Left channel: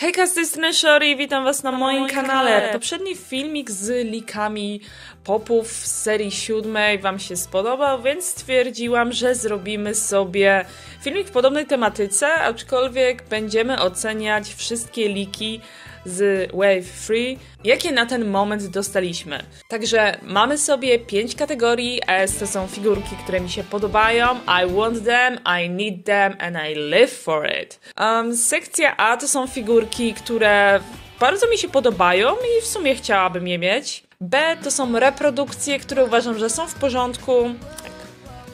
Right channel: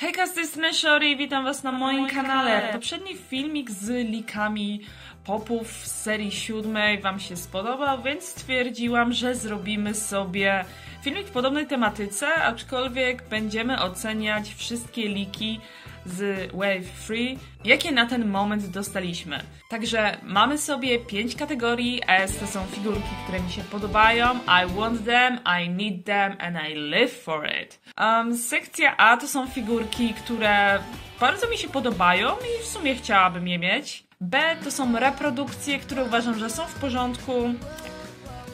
Hejka, z tej strony Shori, witam was na moim kanale. Poprzedni filmik z leakami popów z serii 7 wam się spodobał, więc stwierdziłam, że zrobimy sobie filmik w podobnej tematyce, aczkolwiek będziemy oceniać wszystkie leaki z Wave 3, jakie na ten moment dostaliśmy. Także mamy sobie 5 kategorii. S to są figurki, które mi się podobają. I want them, I need them and I live for it. Sekcja A to są figurki, które bardzo mi się podobają i w sumie chciałabym je mieć. B to są reprodukcje, które uważam, że są w porządku.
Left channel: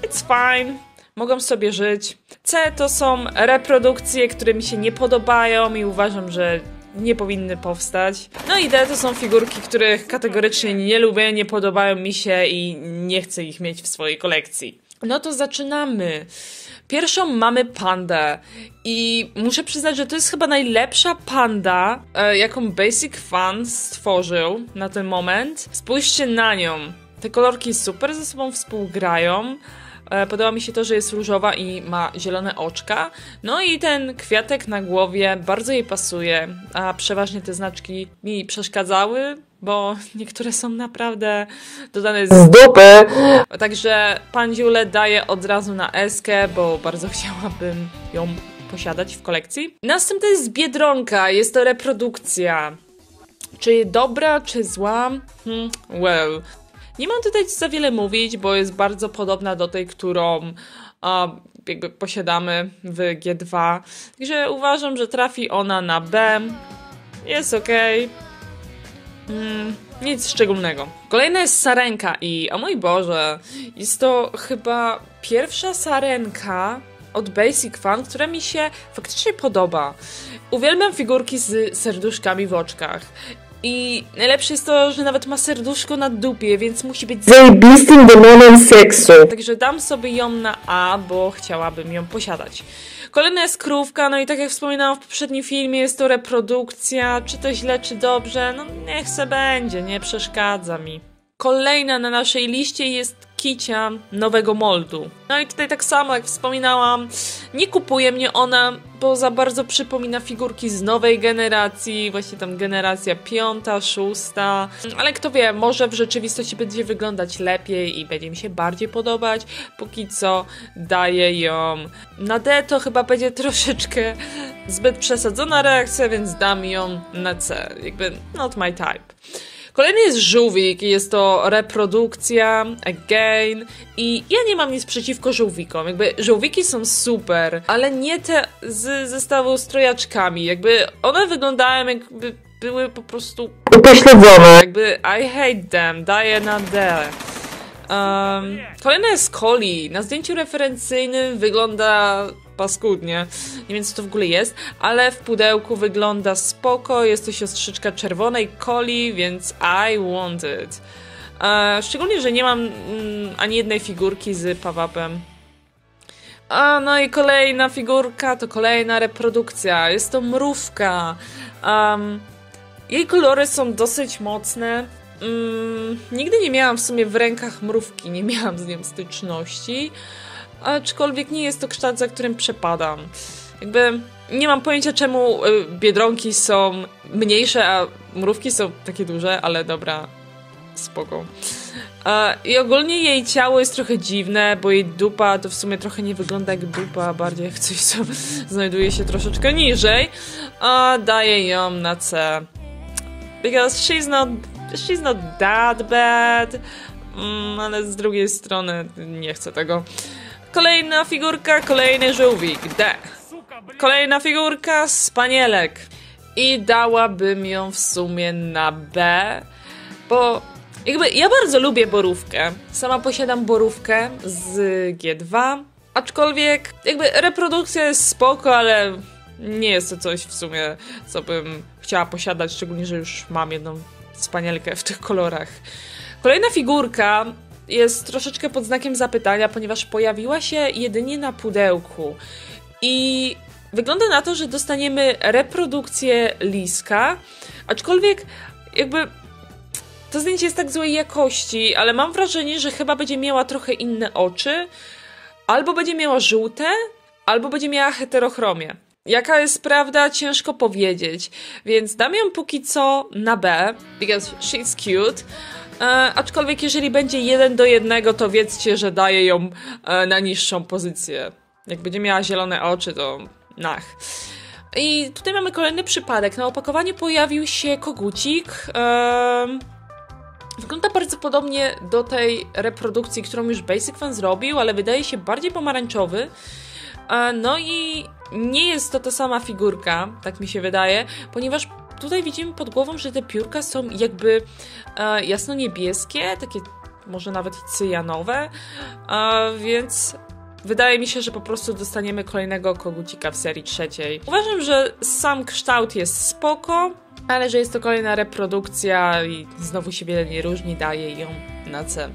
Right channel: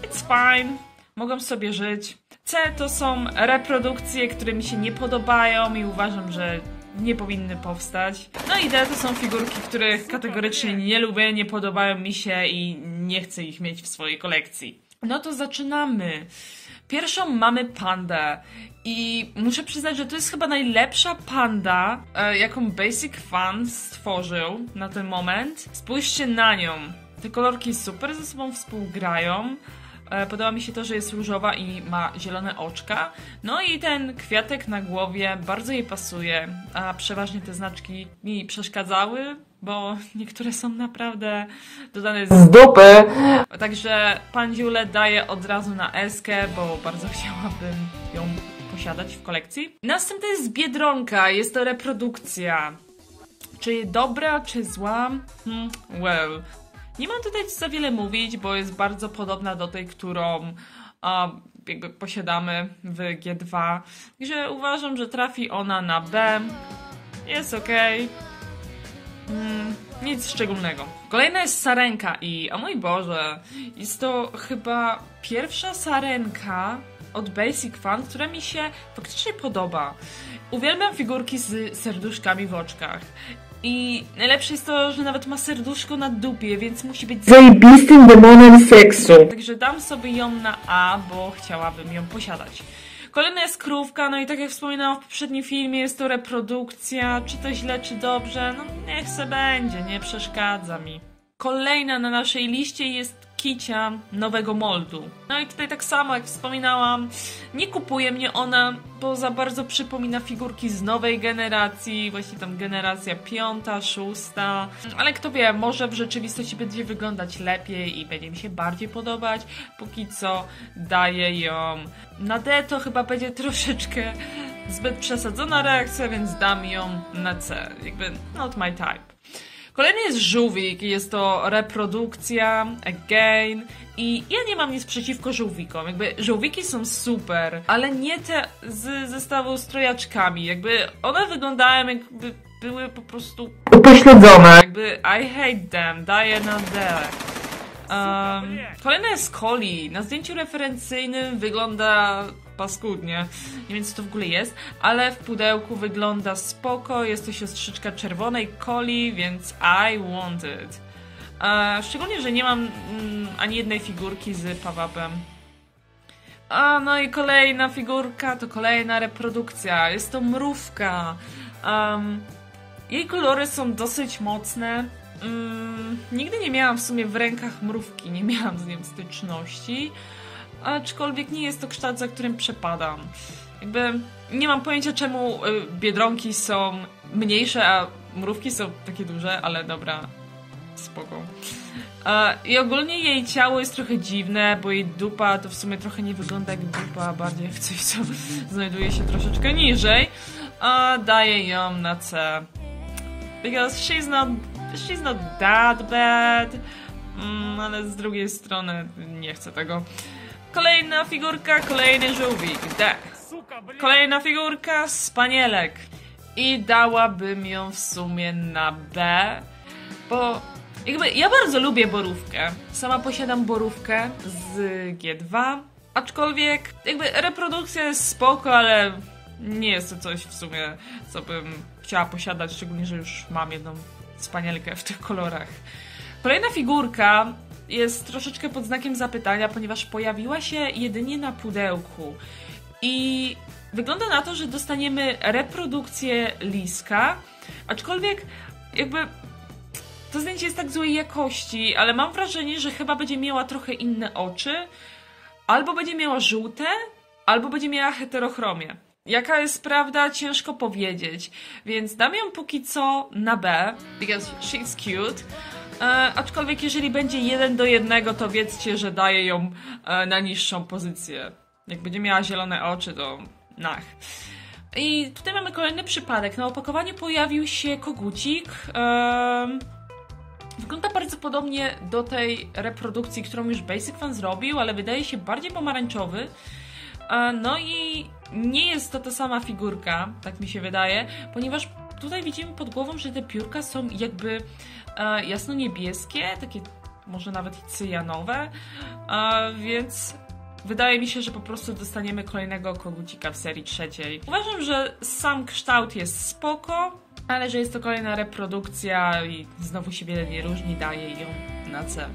It's fine. Mogą sobie żyć. C to są reprodukcje, które mi się nie podobają i uważam, że nie powinny powstać. No i D to są figurki, których kategorycznie nie lubię, nie podobają mi się i nie chcę ich mieć w swojej kolekcji. No to zaczynamy. Pierwszą mamy pandę i muszę przyznać, że to jest chyba najlepsza panda, jaką Basic Fun stworzył na ten moment. Spójrzcie na nią. Te kolorki super ze sobą współgrają. Podoba mi się to, że jest różowa i ma zielone oczka. No i ten kwiatek na głowie bardzo jej pasuje, a przeważnie te znaczki mi przeszkadzały, bo niektóre są naprawdę dodane z dupy. Także pandziulę daję od razu na eskę, bo bardzo chciałabym ją posiadać w kolekcji. Następna jest Biedronka, jest to reprodukcja. Czy dobra, czy zła? Well... Nie mam tutaj za wiele mówić, bo jest bardzo podobna do tej, którą jakby posiadamy w G2. Także uważam, że trafi ona na B. Jest ok. Nic szczególnego. Kolejna jest sarenka i, o mój Boże, jest to chyba pierwsza sarenka od Basic Fun, która mi się faktycznie podoba. Uwielbiam figurki z serduszkami w oczkach. I najlepsze jest to, że nawet ma serduszko na dupie, więc musi być zajebistym demonem seksu. Także dam sobie ją na A, bo chciałabym ją posiadać. Kolejna jest krówka, no i tak jak wspominałam w poprzednim filmie, jest to reprodukcja. Czy to źle, czy dobrze? No niech se będzie, nie przeszkadza mi. Kolejna na naszej liście jest Kicia nowego moldu. No i tutaj tak samo jak wspominałam, nie kupuje mnie ona, bo za bardzo przypomina figurki z nowej generacji, właśnie tam generacja 5., 6. Ale kto wie, może w rzeczywistości będzie wyglądać lepiej i będzie mi się bardziej podobać. Póki co daję ją na D, to chyba będzie troszeczkę zbyt przesadzona reakcja, więc dam ją na C. Jakby not my type. Kolejny jest żółwik i jest to reprodukcja, again, i ja nie mam nic przeciwko żółwikom, jakby żółwiki są super, ale nie te z zestawu z trojaczkami, jakby one wyglądają jakby były po prostu upośledzone, jakby I hate them, daję na D. Kolejny jest Coli. Na zdjęciu referencyjnym wygląda paskudnie. Nie wiem, co to w ogóle jest, ale w pudełku wygląda spoko. Jest to siostrzyczka czerwonej Coli, więc I want it. Szczególnie, że nie mam ani jednej figurki z pawapem. No i kolejna figurka to kolejna reprodukcja. Jest to mrówka. Jej kolory są dosyć mocne. Nigdy nie miałam w sumie w rękach mrówki, nie miałam z nią styczności, aczkolwiek nie jest to kształt, za którym przepadam. Jakby nie mam pojęcia, czemu biedronki są mniejsze, a mrówki są takie duże, ale dobra, spoko. I ogólnie jej ciało jest trochę dziwne, bo jej dupa to w sumie trochę nie wygląda jak dupa, bardziej jak coś, co znajduje się troszeczkę niżej. Daję ją na C. Because she's not that bad, ale z drugiej strony nie chcę tego. Kolejna figurka, kolejny żółwik, D. Kolejna figurka, spanielek. I dałabym ją w sumie na B, bo jakby ja bardzo lubię borówkę. Sama posiadam borówkę z G2, aczkolwiek jakby reprodukcja jest spoko, ale nie jest to coś w sumie, co bym chciała posiadać, szczególnie, że już mam jedną wspanielkę w tych kolorach. Kolejna figurka jest troszeczkę pod znakiem zapytania, ponieważ pojawiła się jedynie na pudełku. I wygląda na to, że dostaniemy reprodukcję liska, aczkolwiek jakby to zdjęcie jest tak złej jakości, ale mam wrażenie, że chyba będzie miała trochę inne oczy, albo będzie miała żółte, albo będzie miała heterochromię. Jaka jest prawda, ciężko powiedzieć, więc dam ją póki co na B, because she's cute. Aczkolwiek jeżeli będzie 1:1, to wiedzcie, że daję ją na niższą pozycję. Jak będzie miała zielone oczy, to nach. I tutaj mamy kolejny przypadek. Na opakowaniu pojawił się kogucik. Wygląda bardzo podobnie do tej reprodukcji, którą już Basic Fan zrobił, ale wydaje się bardziej pomarańczowy. No i nie jest to ta sama figurka, tak mi się wydaje, ponieważ tutaj widzimy pod głową, że te piórka są jakby jasno-niebieskie, takie może nawet cyjanowe, więc wydaje mi się, że po prostu dostaniemy kolejnego kogucika w serii trzeciej. Uważam, że sam kształt jest spoko, ale że jest to kolejna reprodukcja i znowu się wiele nie różni, daję ją na C.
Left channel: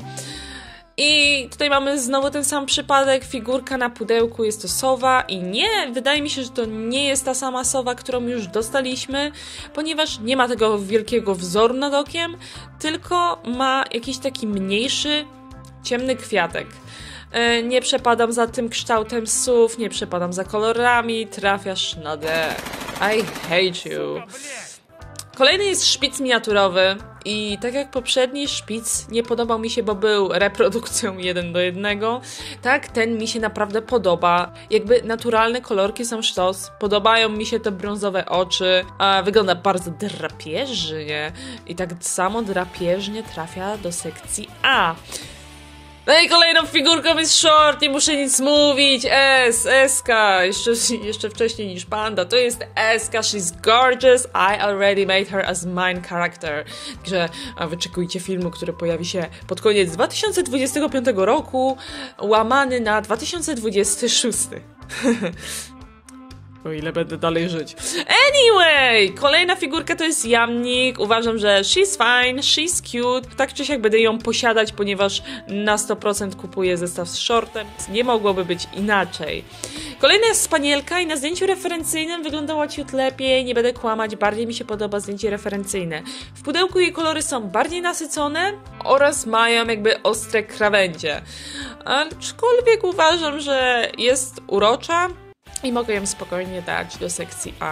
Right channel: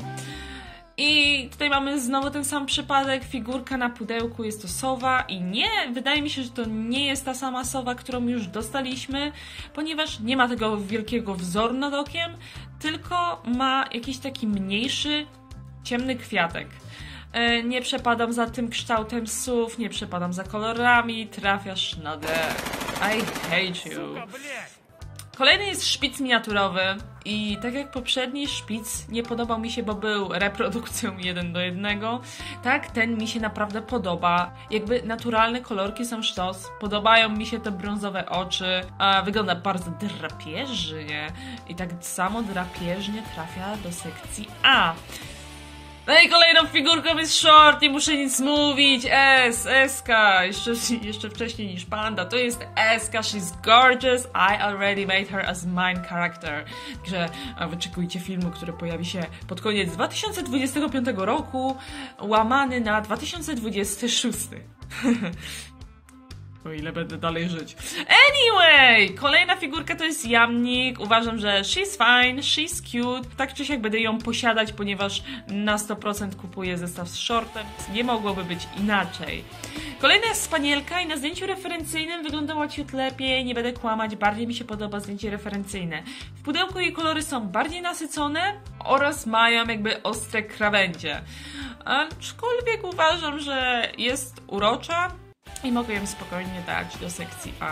I tutaj mamy znowu ten sam przypadek, figurka na pudełku, jest to sowa i nie, wydaje mi się, że to nie jest ta sama sowa, którą już dostaliśmy, ponieważ nie ma tego wielkiego wzoru nad okiem, tylko ma jakiś taki mniejszy, ciemny kwiatek. Nie przepadam za tym kształtem sów, nie przepadam za kolorami, trafiasz na D. I hate you. Kolejny jest szpic miniaturowy i tak jak poprzedni szpic nie podobał mi się, bo był reprodukcją 1:1, tak ten mi się naprawdę podoba. Jakby naturalne kolorki są sztos, podobają mi się te brązowe oczy, a wygląda bardzo drapieżnie i tak samo drapieżnie trafia do sekcji A. No i kolejną figurką jest short, nie muszę nic mówić, Eska, jeszcze wcześniej niż Panda, to jest Eska, she's gorgeous, I already made her as main character. Także wyczekujcie filmu, który pojawi się pod koniec 2025 roku, łamany na 2026. O ile będę dalej żyć. Anyway! Kolejna figurka to jest jamnik. Uważam, że she's fine, she's cute. Tak czy siak będę ją posiadać, ponieważ na 100% kupuję zestaw z shortem. Nie mogłoby być inaczej. Kolejna jest spanielka i na zdjęciu referencyjnym wyglądała ciut lepiej. Nie będę kłamać, bardziej mi się podoba zdjęcie referencyjne. W pudełku jej kolory są bardziej nasycone oraz mają jakby ostre krawędzie. Aczkolwiek uważam, że jest urocza i mogę ją spokojnie dać do sekcji A.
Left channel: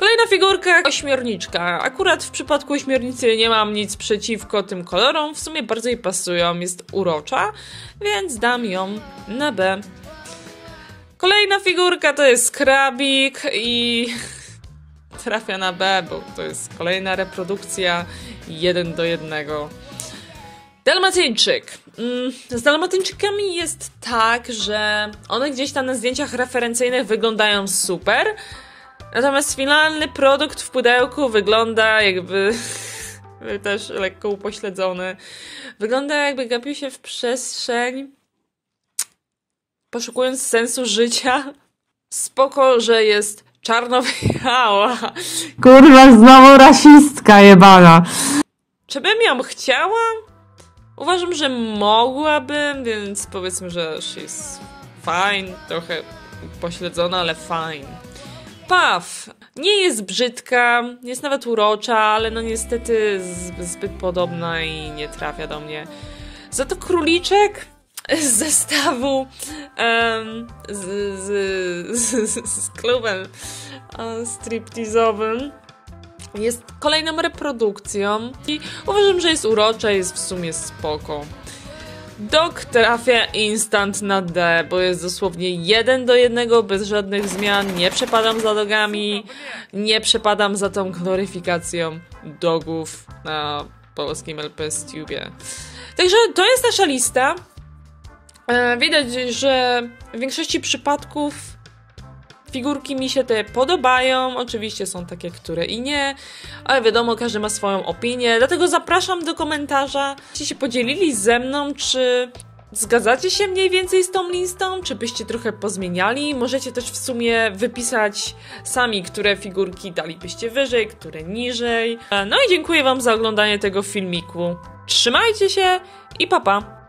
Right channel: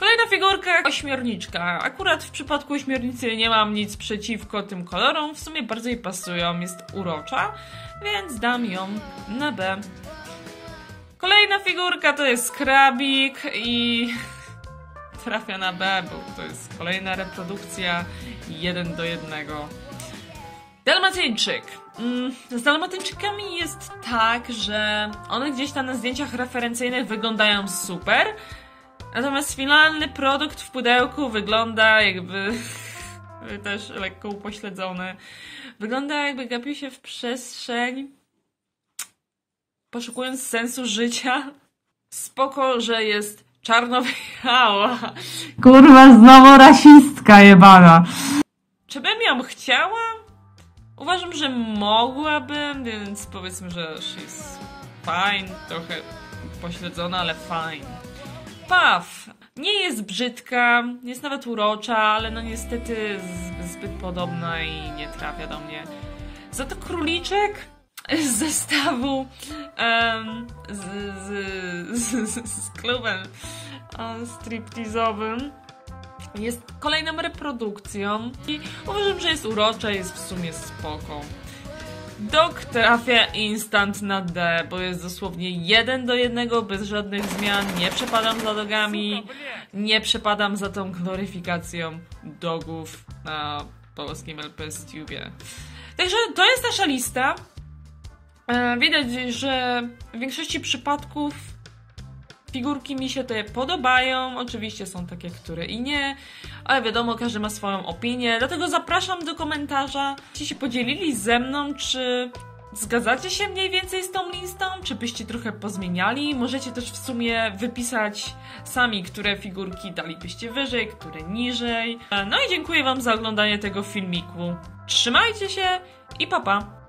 Kolejna figurka, ośmiorniczka. Akurat w przypadku ośmiornicy nie mam nic przeciwko tym kolorom, w sumie bardzo jej pasują, jest urocza, więc dam ją na B. Kolejna figurka to jest krabik i trafia na B, bo to jest kolejna reprodukcja 1:1. Dalmatyńczyk. Z dalmatyńczykami jest tak, że one gdzieś tam na zdjęciach referencyjnych wyglądają super, natomiast finalny produkt w pudełku wygląda jakby też lekko upośledzony. Wygląda jakby gapił się w przestrzeń, poszukując sensu życia. Spoko, że jest czarno-biała. Kurwa, znowu rasistka jebana. Czy bym ją chciała? Uważam, że mogłabym, więc powiedzmy, że she's fine, trochę pośledzona, ale fine. Puff. Nie jest brzydka, jest nawet urocza, ale no niestety zbyt podobna i nie trafia do mnie. Za to króliczek z zestawu z klubem striptease'owym jest kolejną reprodukcją i uważam, że jest urocza, jest w sumie spoko. Dog trafia instant na D, bo jest dosłownie 1:1, bez żadnych zmian. Nie przepadam za dogami, nie przepadam za tą gloryfikacją dogów na polskim LPStubie. Także to jest nasza lista. Widać, że w większości przypadków figurki mi się te podobają, oczywiście są takie, które i nie, ale wiadomo, każdy ma swoją opinię, dlatego zapraszam do komentarza, czy się podzielili ze mną, czy zgadzacie się mniej więcej z tą listą, czy byście trochę pozmieniali, możecie też w sumie wypisać sami, które figurki dalibyście wyżej, które niżej. No i dziękuję wam za oglądanie tego filmiku, trzymajcie się i pa pa!